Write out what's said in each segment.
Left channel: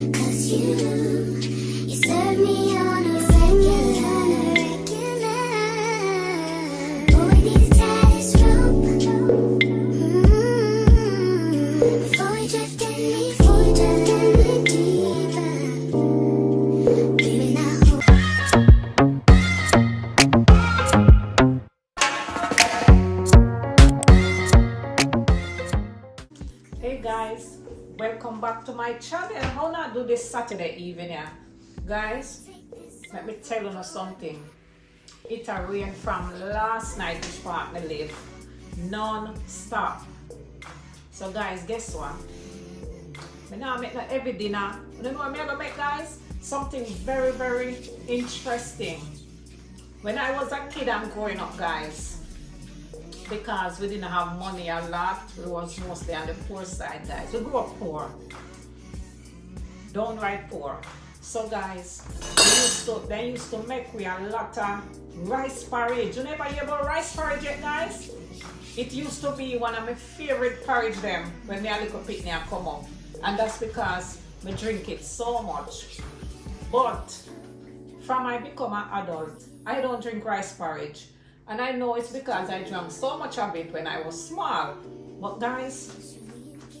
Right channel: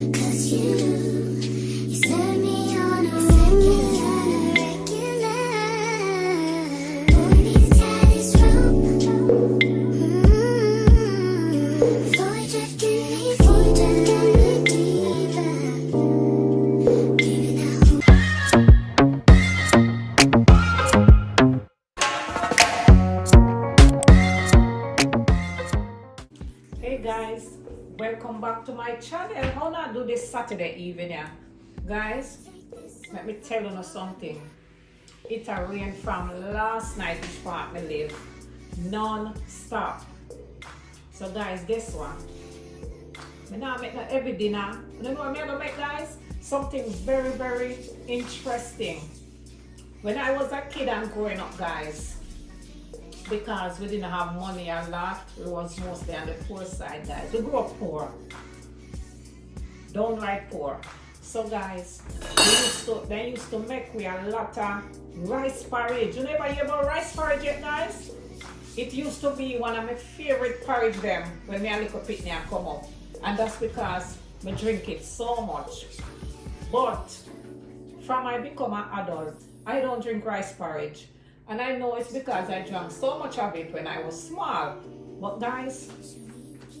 'Cause you serve me on a regular. Boy, this tide is rope. Before you drifting me deeper. Giving out hope. Hey guys, welcome back to my channel. How I do this Saturday evening, yeah? Guys, let me tell you something. It a rain from last night this part me live non-stop. So guys, guess what? Me now make that every dinner. You know what I'm gonna make, guys? Something very, very interesting. When I was a kid and growing up, guys, because we didn't have money a lot, we was mostly on the poor side, guys. We grew up poor, downright poor. So guys, they used to make we a lot of rice porridge. You never hear about rice porridge yet, guys? It used to be one of my favorite porridge them when me a little picnic come up, and that's because me drink it so much. But from I become an adult, I don't drink rice porridge. And I know it's because I drank so much of it when I was small. But guys,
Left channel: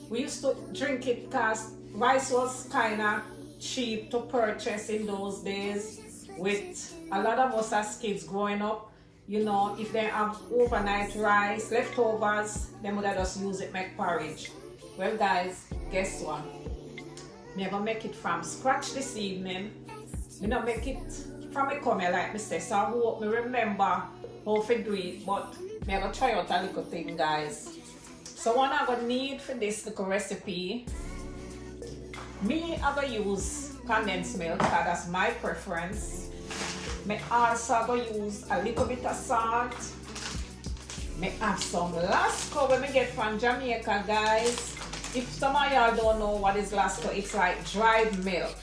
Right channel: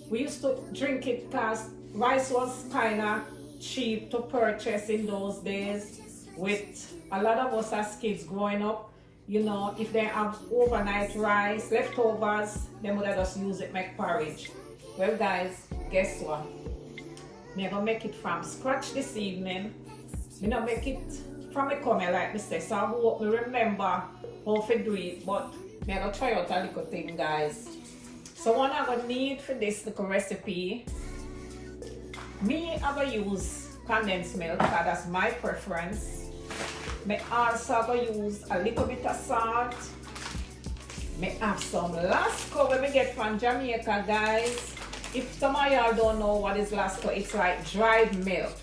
we used to drink it because rice was kind of cheap to purchase in those days. With a lot of us as kids growing up, you know, if they have overnight rice, leftovers, they would have just use it make porridge. Well guys, guess what? Me gonna make it from scratch this evening. Me not make it from a corner like me say, so I hope me remember how to do it, but me gonna try out a little thing, guys. So what I'm gonna need for this little recipe, me I'm gonna use condensed milk because that's my preference. Me also gonna use a little bit of salt. Me have some Lasco when we get from Jamaica, guys. If some of y'all don't know what is Lasco, it's like dried milk.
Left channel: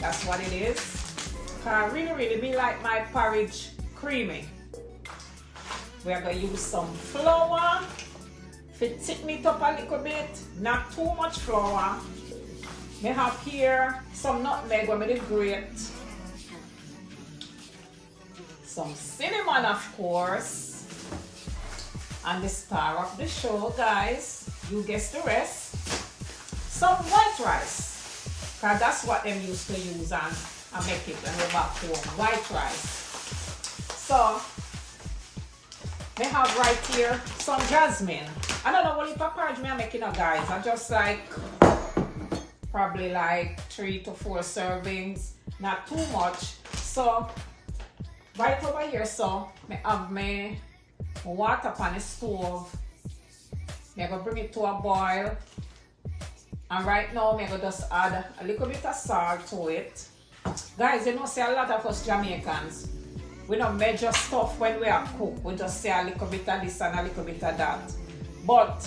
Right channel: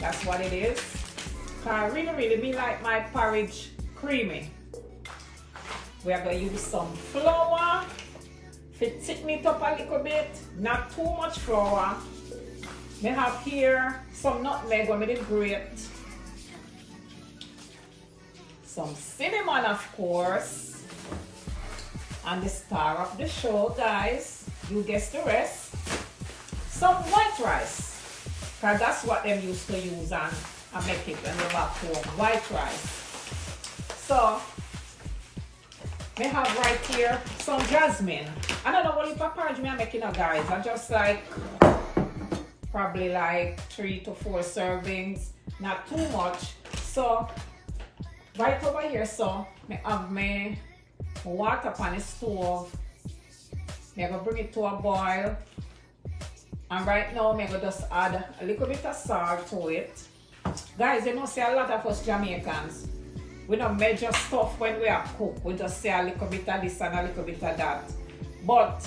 That's what it is. Cause really me like my porridge creamy. We are going to use some flour to thicken it up a little bit, not too much flour. We have here some nutmeg when we did grate, some cinnamon of course, and the star of the show, guys, you guess the rest, some white rice, because that's what them used to use and make it when we're back home, white rice. So, we have right here some jasmine. I don't know what type of porridge I'm making, guys. I just like probably like 3 to 4 servings, not too much. So, right over here, so I have my water on the stove. I'm gonna bring it to a boil. And right now, I'm gonna just add a little bit of salt to it. Guys, you know, see a lot of us Jamaicans, we don't measure stuff when we are cook. We just say a little bit of this and a little bit of that. But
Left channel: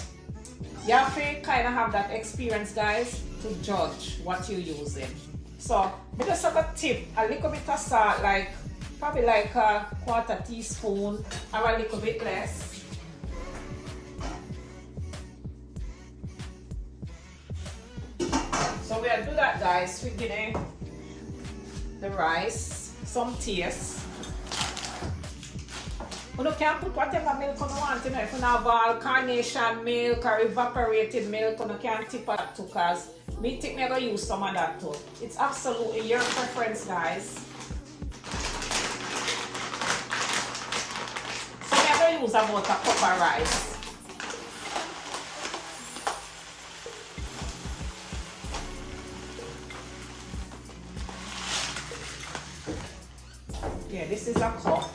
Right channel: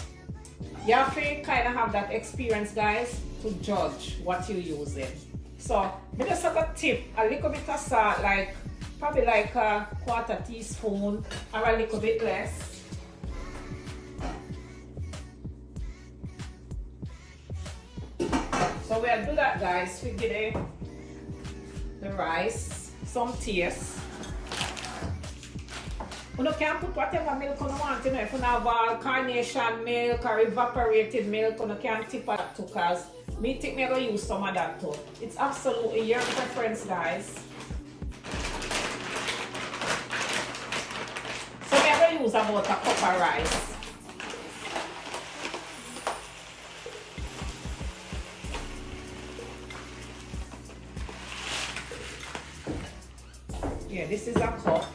you have to kind of have that experience, guys, to judge what you're using. So we just have a tip, a little bit of salt, like probably like a 1/4 teaspoon or a little bit less. So we'll do that, guys. We give the rice some taste. You can put whatever milk you want, you know, if you have all carnation milk or evaporated milk, you can tip that too, because me think I'm going to use some of that too. It's absolutely your preference, guys. So I'm going to use about a cup of rice. Yeah, this is a cup.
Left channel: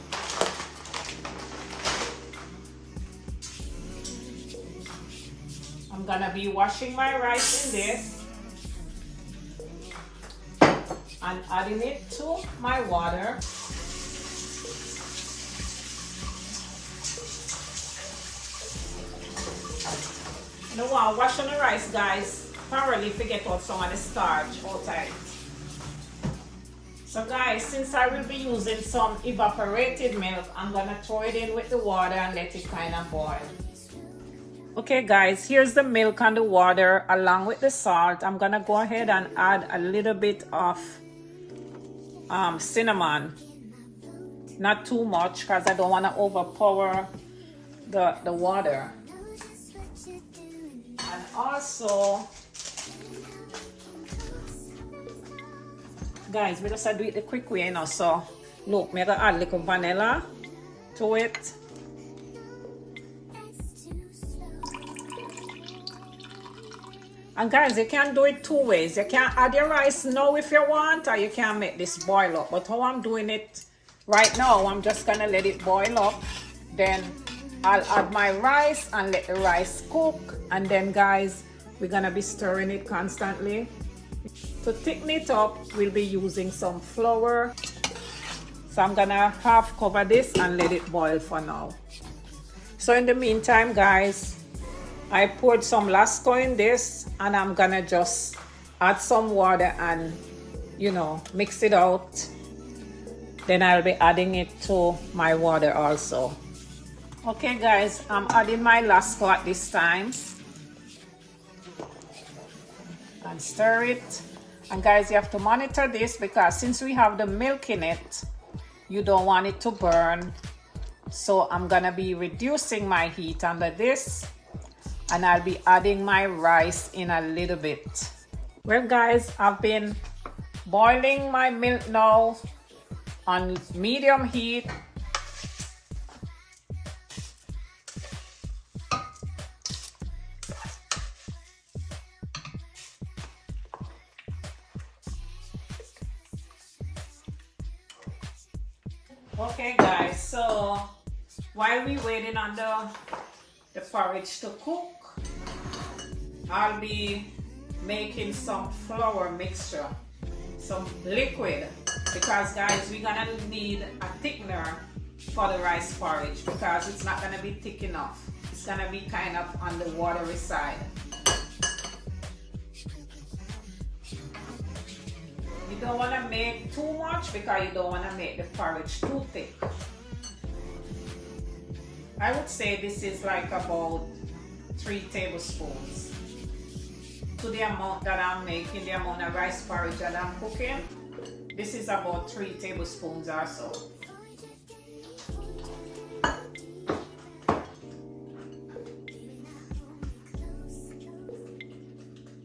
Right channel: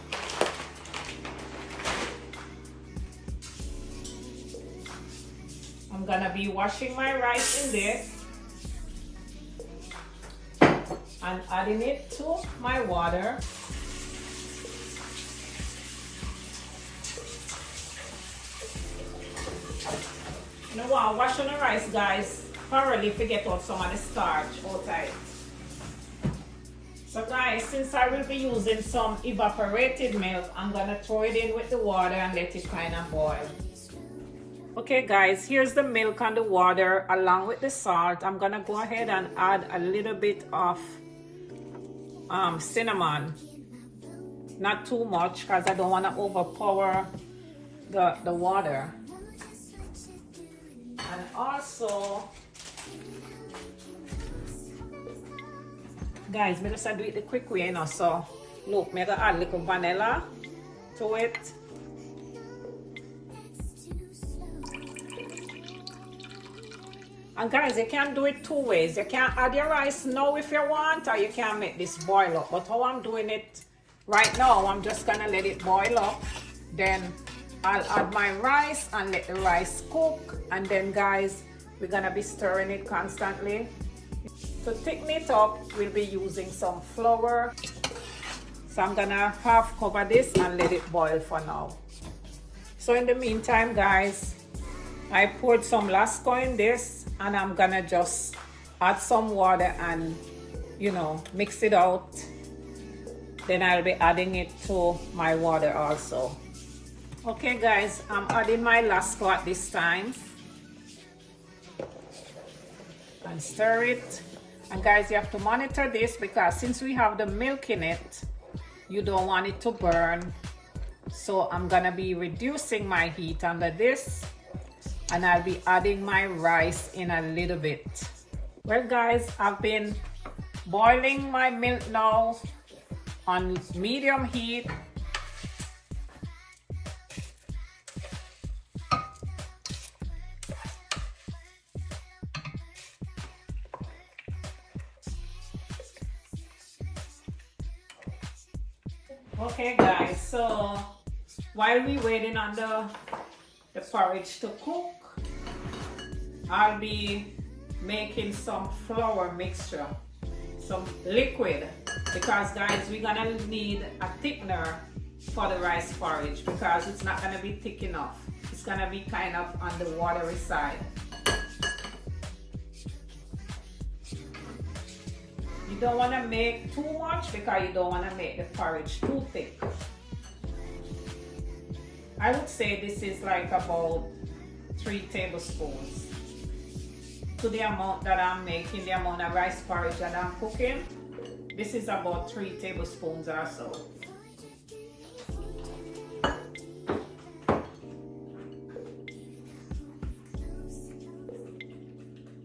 I'm gonna be washing my rice in this and adding it to my water. You know what, washing the rice, guys, thoroughly to get out some of the starch out of it. So guys, since I will be using some evaporated milk, I'm gonna throw it in with the water and let it kind of boil. Okay guys, here's the milk and the water along with the salt. I'm gonna go ahead and add a little bit of cinnamon. Not too much because I don't want to overpower the water. And also, guys, we just do it the quick way, you know. So look, I'm gonna add a little vanilla to it. And guys, you can do it two ways. You can add your rice now if you want, or you can make this boil up. But how I'm doing it right now, I'm just gonna let it boil up. Then I'll add my rice and let the rice cook. And then guys, we're gonna be stirring it constantly. To thicken it up, we'll be using some flour. So I'm gonna half cover this and let it boil for now. So in the meantime, guys, I poured some Lasco in this, and I'm gonna just add some water and, you know, mix it out. Then I'll be adding it to my water also. Okay guys, I'm adding my Lasco at this time. And stir it. And guys, you have to monitor this because since we have the milk in it, you don't want it to burn. So I'm gonna be reducing my heat under this. And I'll be adding my rice in a little bit. Well guys, I've been boiling my milk now on medium heat. Okay guys, so while we waiting on the porridge to cook, I'll be making some flour mixture, some liquid, because guys, we're gonna need a thickener for the rice porridge because it's not gonna be thick enough. It's gonna be kind of on the watery side. You don't want to make too much because you don't want to make the porridge too thick. I would say this is like about 3 tablespoons to the amount that I'm making, the amount of rice porridge that I'm cooking. This is about 3 tablespoons or so.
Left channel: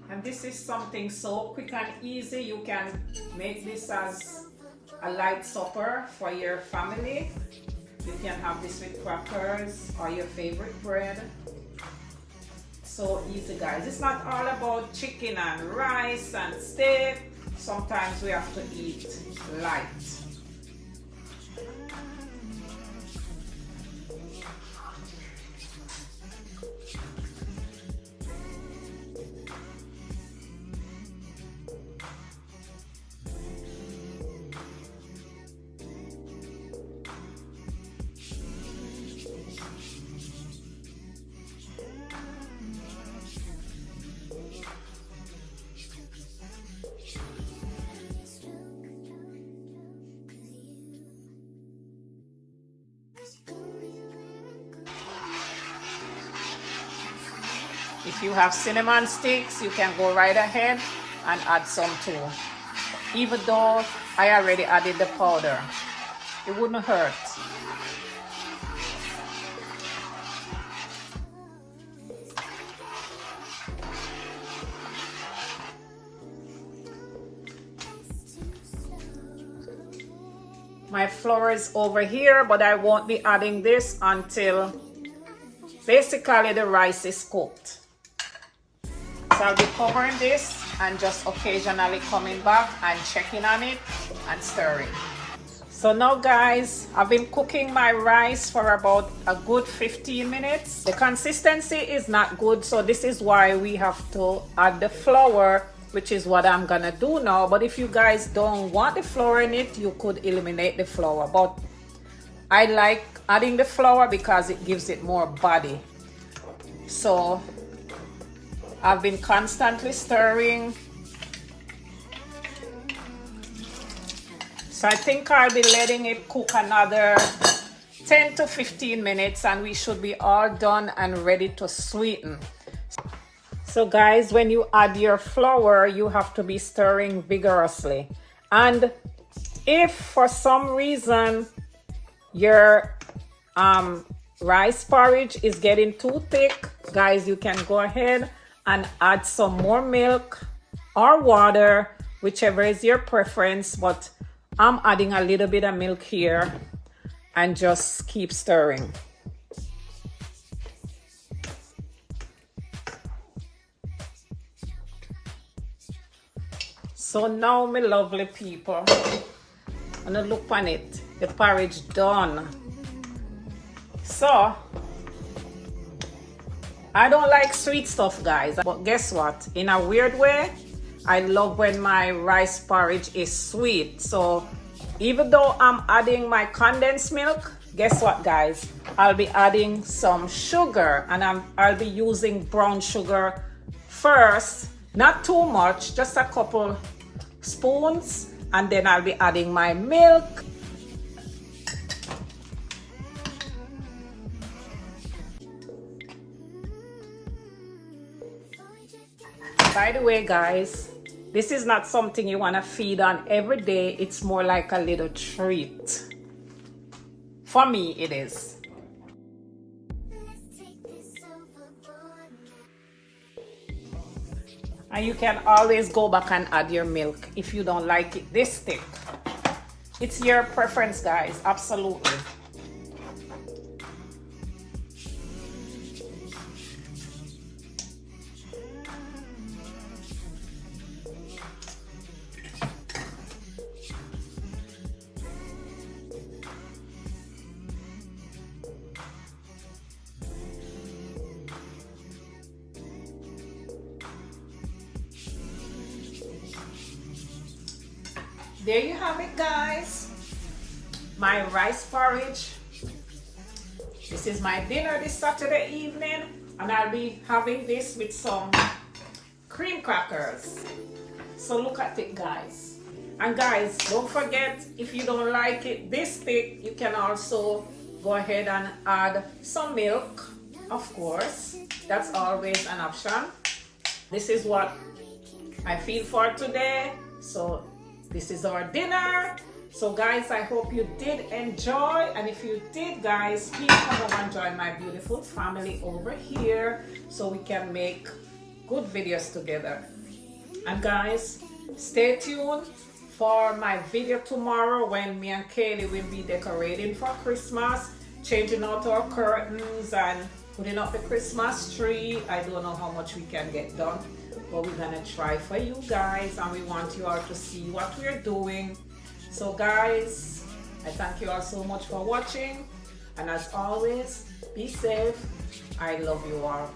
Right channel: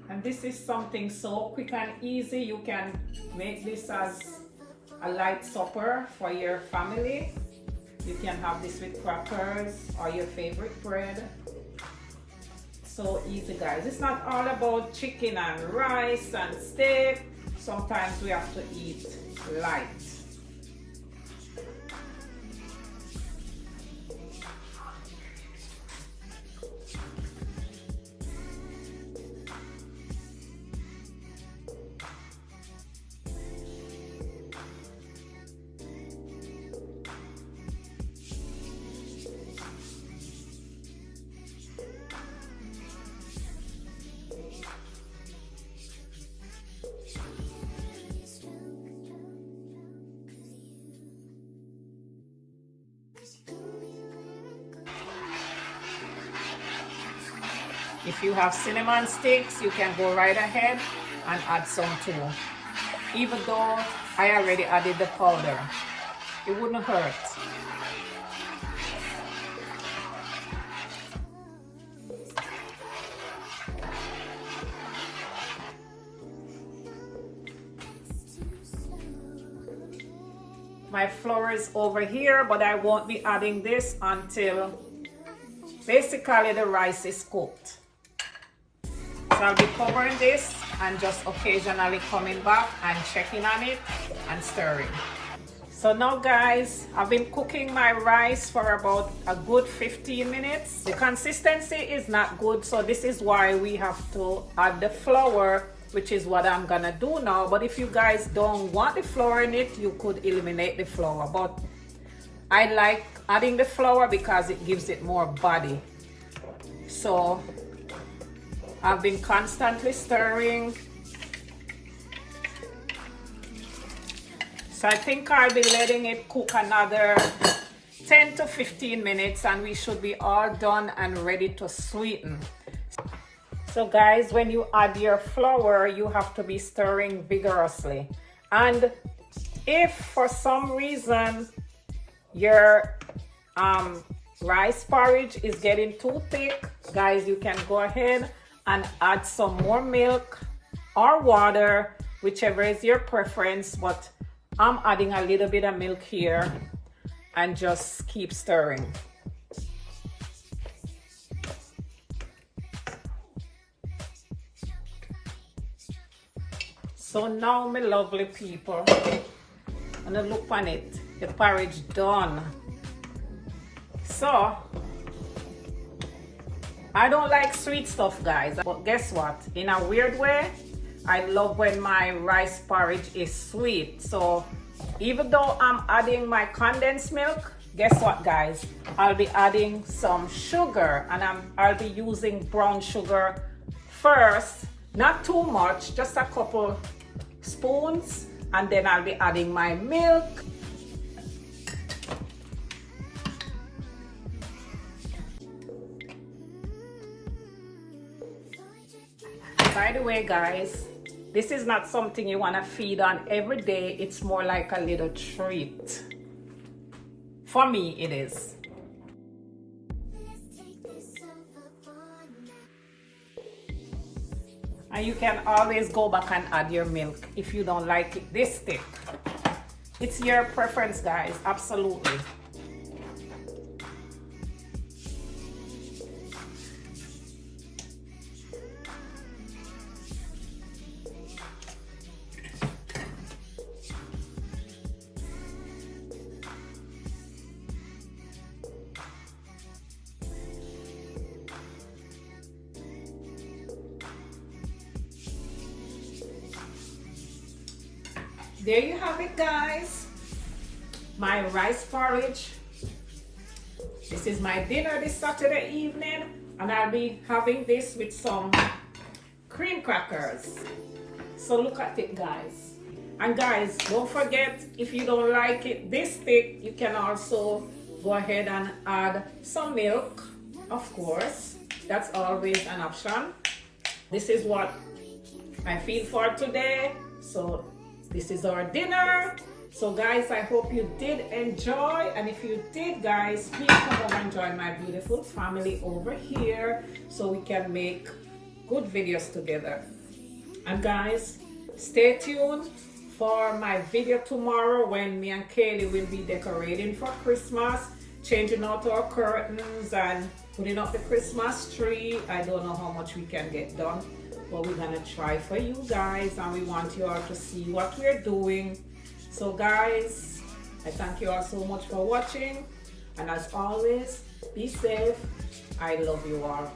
And this is something so quick and easy. You can make this as a light supper for your family. You can have this with crackers or your favorite bread. So easy guys. It's not all about chicken and rice and steak. Sometimes we have to eat light. If you have cinnamon sticks, you can go right ahead and add some too. Even though I already added the powder, it wouldn't hurt. My flour is over here, but I won't be adding this until basically the rice is cooked. So I'll be covering this and just occasionally coming back and checking on it and stirring. So now guys, I've been cooking my rice for about a good 15 minutes. The consistency is not good, so this is why we have to add the flour, which is what I'm gonna do now. But if you guys don't want the flour in it, you could eliminate the flour. But I like adding the flour because it gives it more body. So I've been constantly stirring. So I think I'll be letting it cook another 10 to 15 minutes and we should be all done and ready to sweeten. So guys, when you add your flour, you have to be stirring vigorously. And if for some reason your rice porridge is getting too thick, guys, you can go ahead and add some more milk or water, whichever is your preference, but I'm adding a little bit of milk here and just keep stirring. So now, my lovely people, I'm gonna look on it. The porridge done. So I don't like sweet stuff, guys, but guess what? In a weird way, I love when my rice porridge is sweet. So even though I'm adding my condensed milk, guess what, guys? I'll be adding some sugar, and I'll be using brown sugar first. Not too much, just a couple spoons, and then I'll be adding my milk. By the way, guys, this is not something you want to feed on every day. It's more like a little treat. For me, it is. And you can always go back and add your milk if you don't like it this thick. It's your preference, guys, absolutely. There you have it, guys. My rice porridge. This is my dinner this Saturday evening, and I'll be having this with some cream crackers. So look at it, guys. And guys, don't forget, if you don't like it this thick, you can also go ahead and add some milk, of course. That's always an option. This is what I feel for today. So this is our dinner. So guys, I hope you did enjoy, and if you did, guys, please come over and join my beautiful family over here so we can make good videos together. And guys, stay tuned for my video tomorrow when me and Kaylee will be decorating for Christmas, changing out our curtains and putting up the Christmas tree. I don't know how much we can get done, but we're gonna try for you guys, and we want you all to see what we're doing. So guys, I thank you all so much for watching, and as always, be safe. I love you all.